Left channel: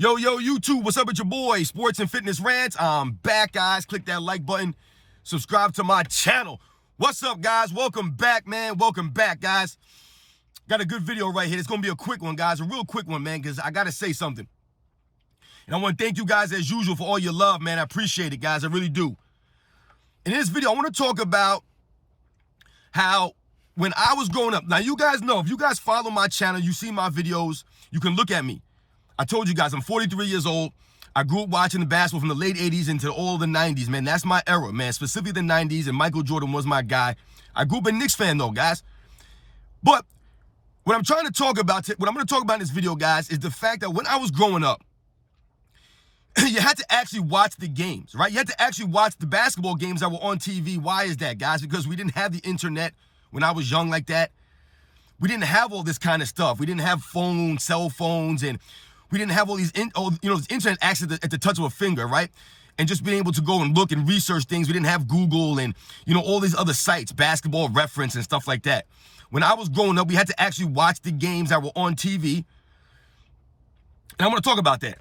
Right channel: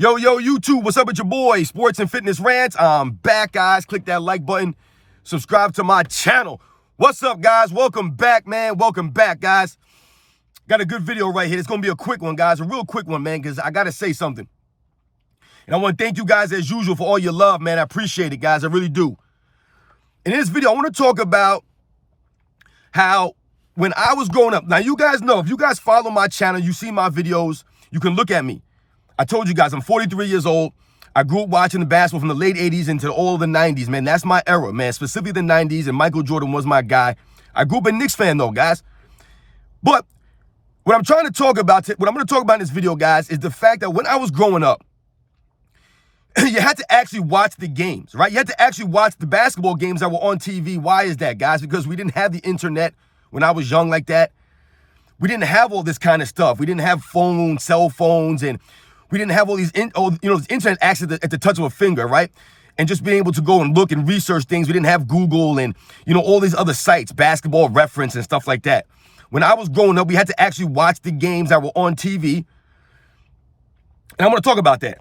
Yo, YouTube, what's up with your boy? Sports and Fitness Rants. I'm back, guys. Click that like button. Subscribe to my channel. What's up, guys? Welcome back, man. Welcome back, guys. Got a good video right here. It's going to be a quick one, guys. A real quick one, man, because I got to say something. And I want to thank you guys, as usual, for all your love, man. I appreciate it, guys. I really do. In this video, I want to talk about how when I was growing up, now you guys know, if you guys follow my channel, you see my videos, you can look at me. I told you guys, I'm 43 years old. I grew up watching the basketball from the late 80s into all of the 90s, man. That's my era, man, specifically the 90s, and Michael Jordan was my guy. I grew up a Knicks fan, though, guys. But what I'm trying to talk about, what I'm going to talk about in this video, guys, is the fact that when I was growing up, you had to actually watch the games, right? You had to actually watch the basketball games that were on TV. Why is that, guys? Because we didn't have the internet when I was young like that. We didn't have all this kind of stuff. We didn't have phones, cell phones, and we didn't have all these, this internet access at the touch of a finger, right? And just being able to go and look and research things. We didn't have Google and, all these other sites, Basketball Reference and stuff like that. When I was growing up, we had to actually watch the games that were on TV. And I'm going to talk about that.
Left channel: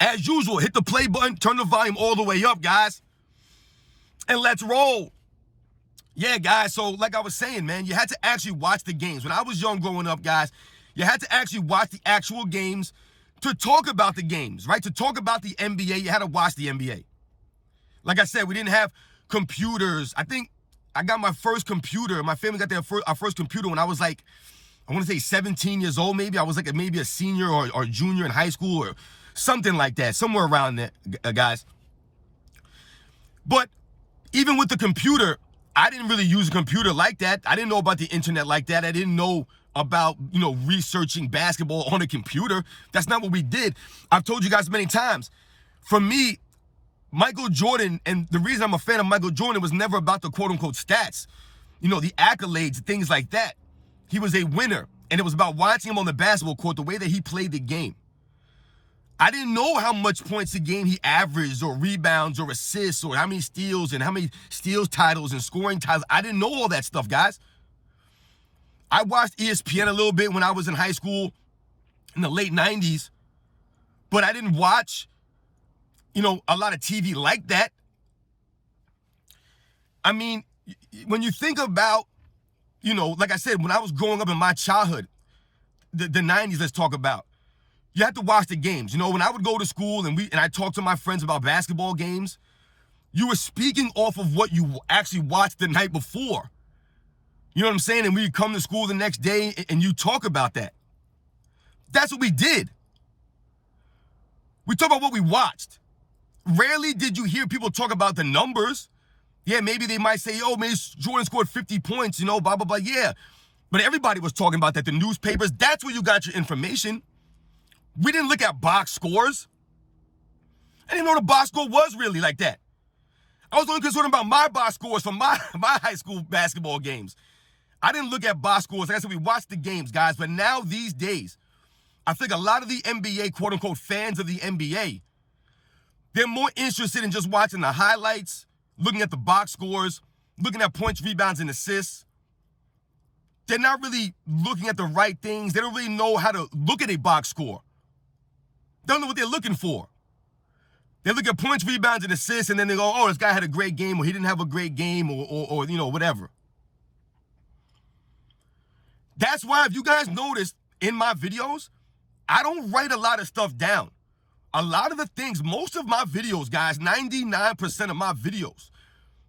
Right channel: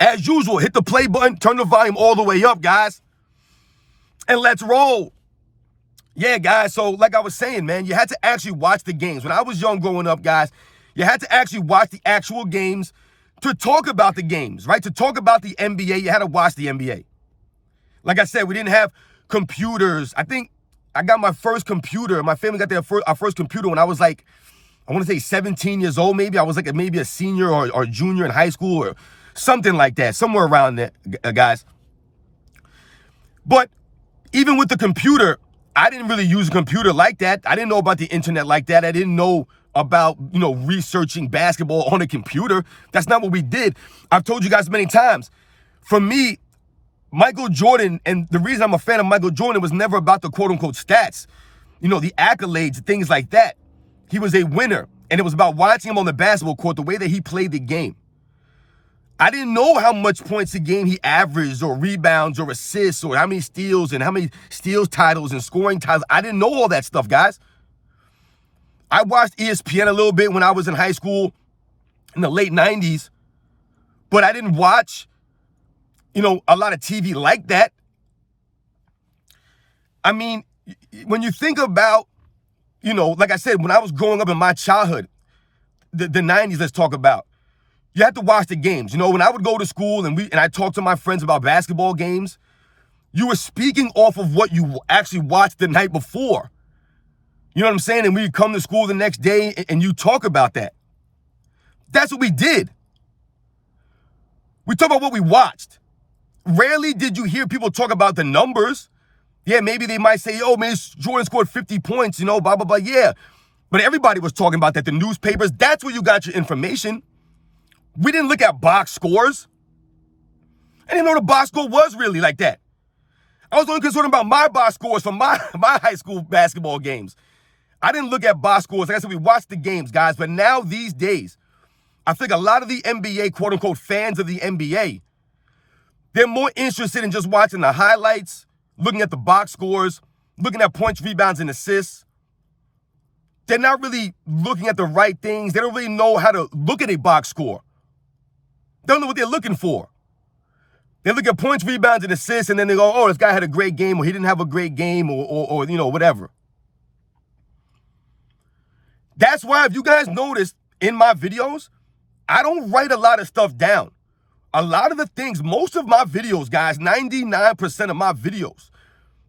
As usual, hit the play button, turn the volume all the way up, guys. And let's roll. Yeah, guys, so like I was saying, man, you had to actually watch the games. When I was young growing up, guys, you had to actually watch the actual games to talk about the games, right? To talk about the NBA, you had to watch the NBA. Like I said, we didn't have computers. I think I got my first computer. My family got our first computer when I was like, I want to say 17 years old, maybe. I was like maybe a senior or junior in high school or something like that, somewhere around there, guys. But even with the computer, I didn't really use a computer like that. I didn't know about the internet like that. I didn't know about, researching basketball on a computer. That's not what we did. I've told you guys many times. For me, Michael Jordan, and the reason I'm a fan of Michael Jordan was never about the quote-unquote stats, the accolades, things like that. He was a winner, and it was about watching him on the basketball court, the way that he played the game. I didn't know how much points a game he averaged or rebounds or assists or how many steals and how many steals titles and scoring titles. I didn't know all that stuff, guys. I watched ESPN a little bit when I was in high school in the late 90s, but I didn't watch, a lot of TV like that. I mean, when you think about, like I said, when I was growing up in my childhood, the 90s, let's talk about. You had to watch the games. When I would go to school and I talked to my friends about basketball games, you were speaking off of what you actually watched the night before. You know what I'm saying? And we come to school the next day and you talk about that. That's what we did. We talk about what we watched. Rarely did you hear people talk about the numbers. Yeah, maybe they might say, oh, man, Jordan scored 50 points, blah, blah, blah. Yeah. But everybody was talking about that. The newspapers, that's where you got your information. We didn't look at box scores. I didn't know the box score was really like that. I was only concerned about my box scores from my high school basketball games. I didn't look at box scores. Like I said, we watched the games, guys. But now these days, I think a lot of the NBA, quote-unquote, fans of the NBA, they're more interested in just watching the highlights, looking at the box scores, looking at points, rebounds, and assists. They're not really looking at the right things. They don't really know how to look at a box score. They don't know what they're looking for. They look at points, rebounds, and assists, and then they go, oh, this guy had a great game, or he didn't have a great game, or whatever. That's why, if you guys noticed in my videos, I don't write a lot of stuff down. A lot of the things, most of my videos, guys, 99% of my videos,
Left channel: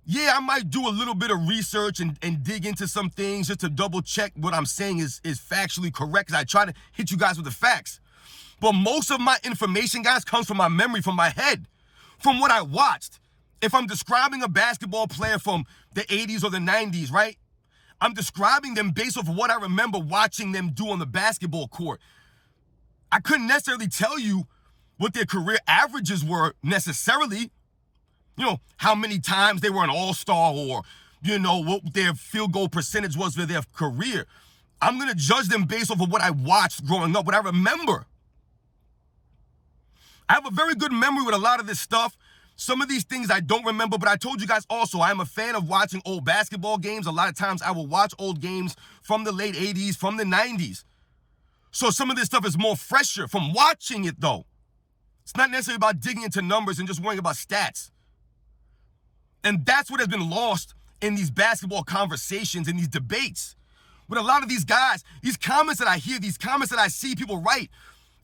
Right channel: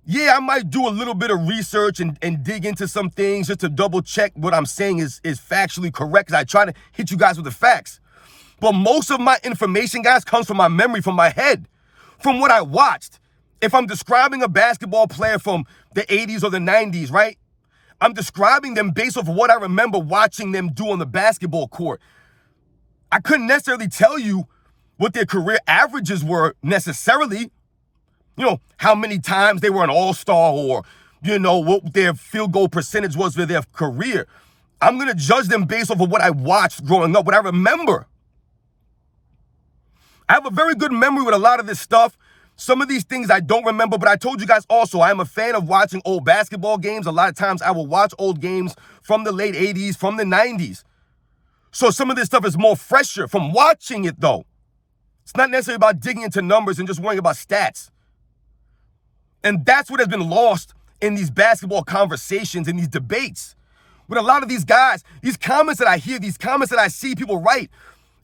yeah, I might do a little bit of research and dig into some things just to double check what I'm saying is factually correct, because I try to hit you guys with the facts. But most of my information, guys, comes from my memory, from my head, from what I watched. If I'm describing a basketball player from the 80s or the 90s, right? I'm describing them based off of what I remember watching them do on the basketball court. I couldn't necessarily tell you what their career averages were necessarily. How many times they were an all-star or, what their field goal percentage was for their career. I'm going to judge them based off of what I watched growing up, what I remember. I have a very good memory with a lot of this stuff. Some of these things I don't remember, but I told you guys also, I am a fan of watching old basketball games. A lot of times I will watch old games from the late 80s, from the 90s. So some of this stuff is more fresher from watching it, though. It's not necessarily about digging into numbers and just worrying about stats. And that's what has been lost in these basketball conversations and these debates. With a lot of these guys, these comments that I hear, these comments that I see people write,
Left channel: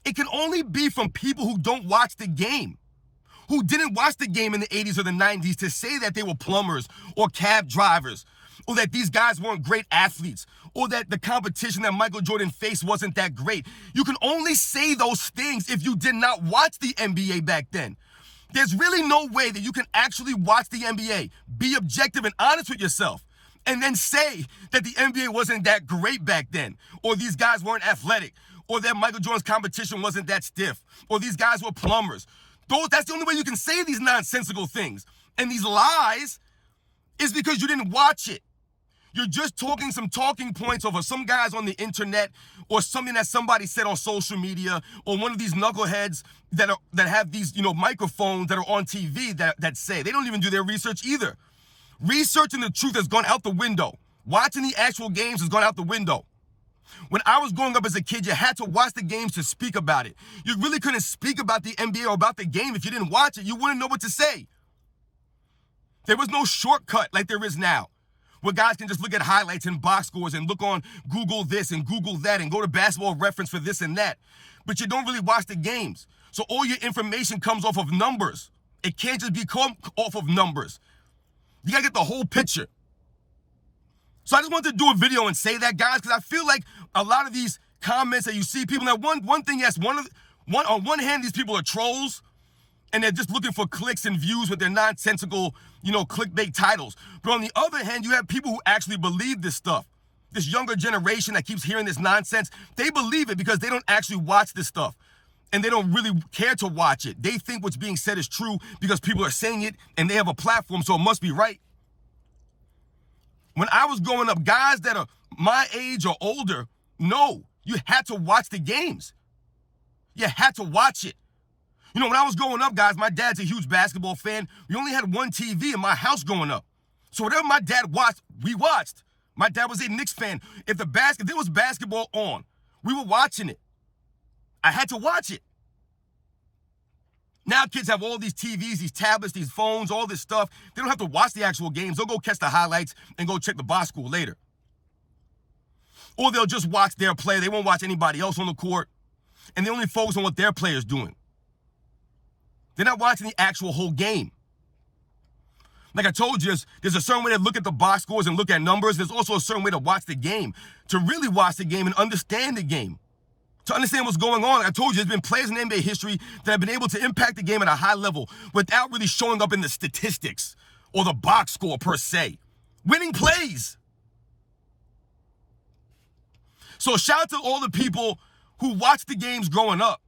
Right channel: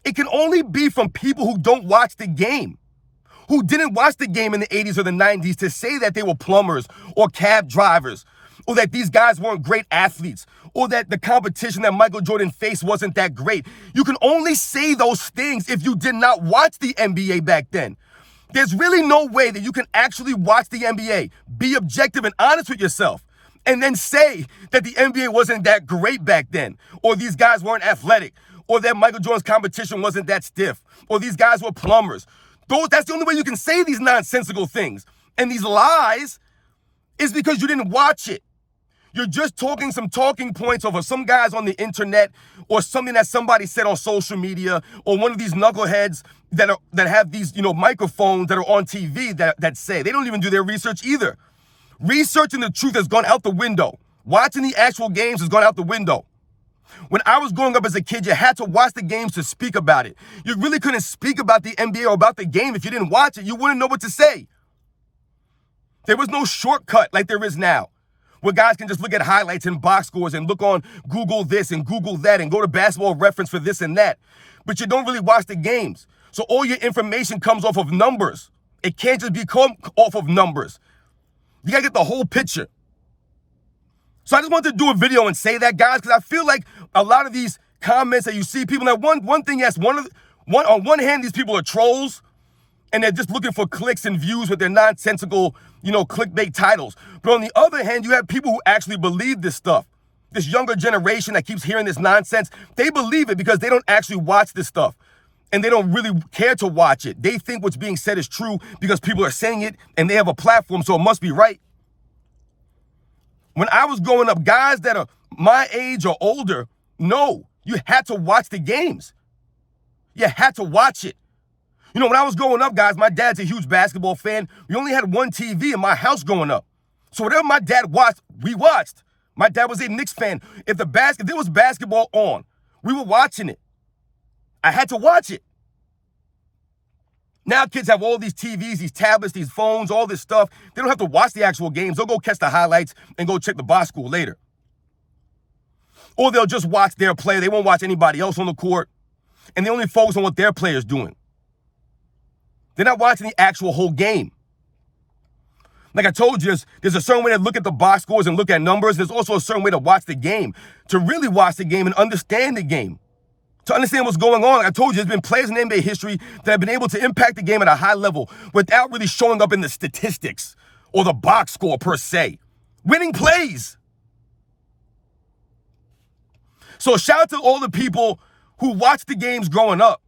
it can only be from people who don't watch the game, who didn't watch the game in the 80s or the 90s to say that they were plumbers or cab drivers, or that these guys weren't great athletes, or that the competition that Michael Jordan faced wasn't that great. You can only say those things if you did not watch the NBA back then. There's really no way that you can actually watch the NBA, be objective and honest with yourself, and then say that the NBA wasn't that great back then, or these guys weren't athletic, or that Michael Jordan's competition wasn't that stiff, or these guys were plumbers. That's the only way you can say these nonsensical things. And these lies is because you didn't watch it. You're just talking some talking points over some guys on the internet, or something that somebody said on social media, or one of these knuckleheads that have these, microphones that are on TV that say. They don't even do their research either. Researching the truth has gone out the window. Watching the actual games has gone out the window. When I was growing up as a kid, you had to watch the games to speak about it. You really couldn't speak about the NBA or about the game if you didn't watch it. You wouldn't know what to say. There was no shortcut like there is now, where guys can just look at highlights and box scores and look on Google this and Google that and go to Basketball Reference for this and that. But you don't really watch the games. So all your information comes off of numbers. It can't just become off of numbers. You gotta get the whole picture. So I just wanted to do a video and say that, guys, because I feel like a lot of these comments that you see people, now one thing, yes, on one hand, these people are trolls, and they're just looking for clicks and views with their nonsensical, clickbait titles. But on the other hand, you have people who actually believe this stuff. This younger generation that keeps hearing this nonsense, they believe it because they don't actually watch this stuff. And they don't really care to watch it. They think what's being said is true because people are saying it and they have a platform, so it must be right. When I was growing up, guys that are my age or older, no, you had to watch the games. You had to watch it. When I was growing up, guys, my dad's a huge basketball fan. We only had one TV in my house growing up. So whatever my dad watched, we watched. My dad was a Knicks fan. If there was basketball on, we were watching it. I had to watch it. Now kids have all these TVs, these tablets, these phones, all this stuff. They don't have to watch the actual games. They'll go catch the highlights and go check the box score later. Or they'll just watch their play. They won't watch anybody else on the court. And they only focus on what their player's doing. They're not watching the actual whole game. Like I told you, there's a certain way to look at the box scores and look at numbers. There's also a certain way to watch the game, to really watch the game and understand the game. To understand what's going on, like I told you, there's been players in NBA history that have been able to impact the game at a high level without really showing up in the statistics or the box score per se. Winning plays. So shout out to all the people who watched the games growing up.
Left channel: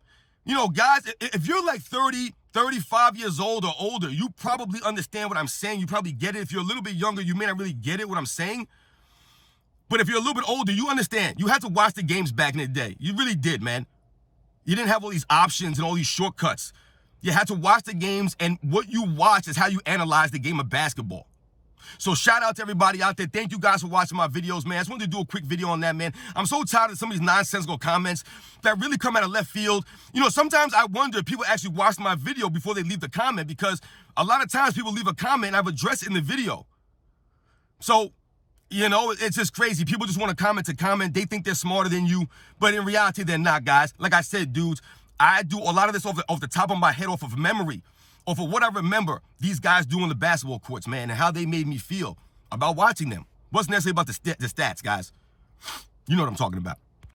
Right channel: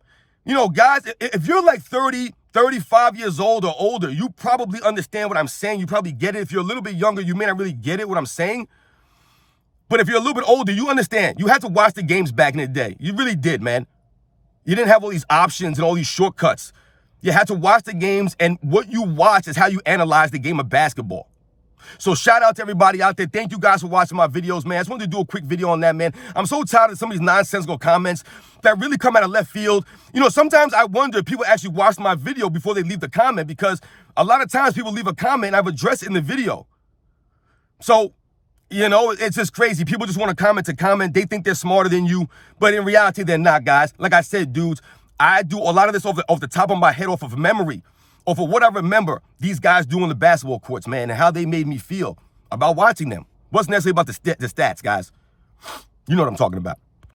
Guys, if you're like 30, 35 years old or older, you probably understand what I'm saying. You probably get it. If you're a little bit younger, you may not really get it, what I'm saying. But if you're a little bit older, you understand. You had to watch the games back in the day. You really did, man. You didn't have all these options and all these shortcuts. You had to watch the games, and what you watch is how you analyze the game of basketball. So shout out to everybody out there. Thank you guys for watching my videos, man. I just wanted to do a quick video on that, man. I'm so tired of some of these nonsensical comments that really come out of left field. Sometimes I wonder if people actually watch my video before they leave the comment, because a lot of times people leave a comment and I've addressed it in the video. So, it's just crazy. People just want to comment to comment. They think they're smarter than you, but in reality, they're not, guys. Like I said, dudes, I do a lot of this off the top of my head, off of memory, off of what I remember these guys do on the basketball courts, man, and how they made me feel about watching them. Wasn't necessarily about the stats, guys. You know what I'm talking about.